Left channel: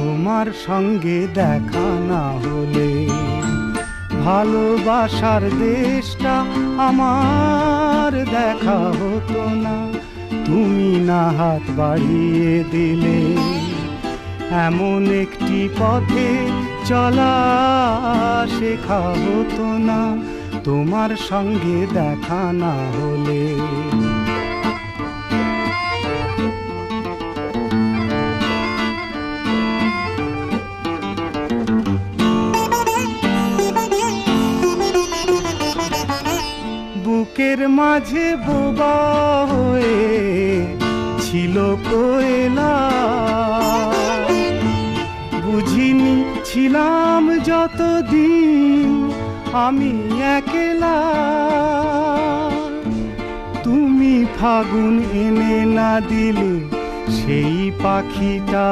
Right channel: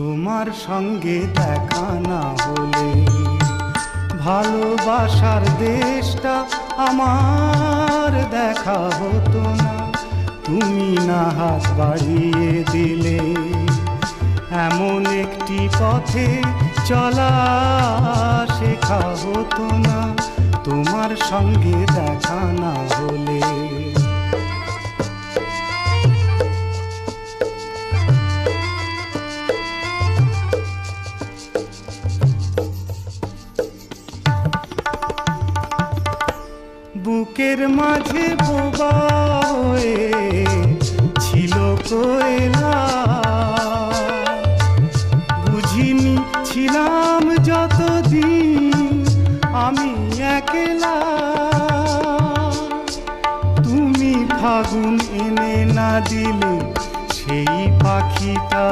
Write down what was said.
তোমার সঙ্গে দেখা না হলে ভালোবাসার দেশটা আমার দেখা হতো না। তুমি না হাত বাড়িয়ে দিলে এমন একটি পথে চলা শেখা হতো না তোমার সঙ্গে দেখা না হলে। বুকের মাঝে বোবা হয়ে ছিল কোয়েলা, বুঝিনি ছিলাম যতদিন আমি একলা। তুমি ফাগুন এনে না দিলে সেই পাখিটা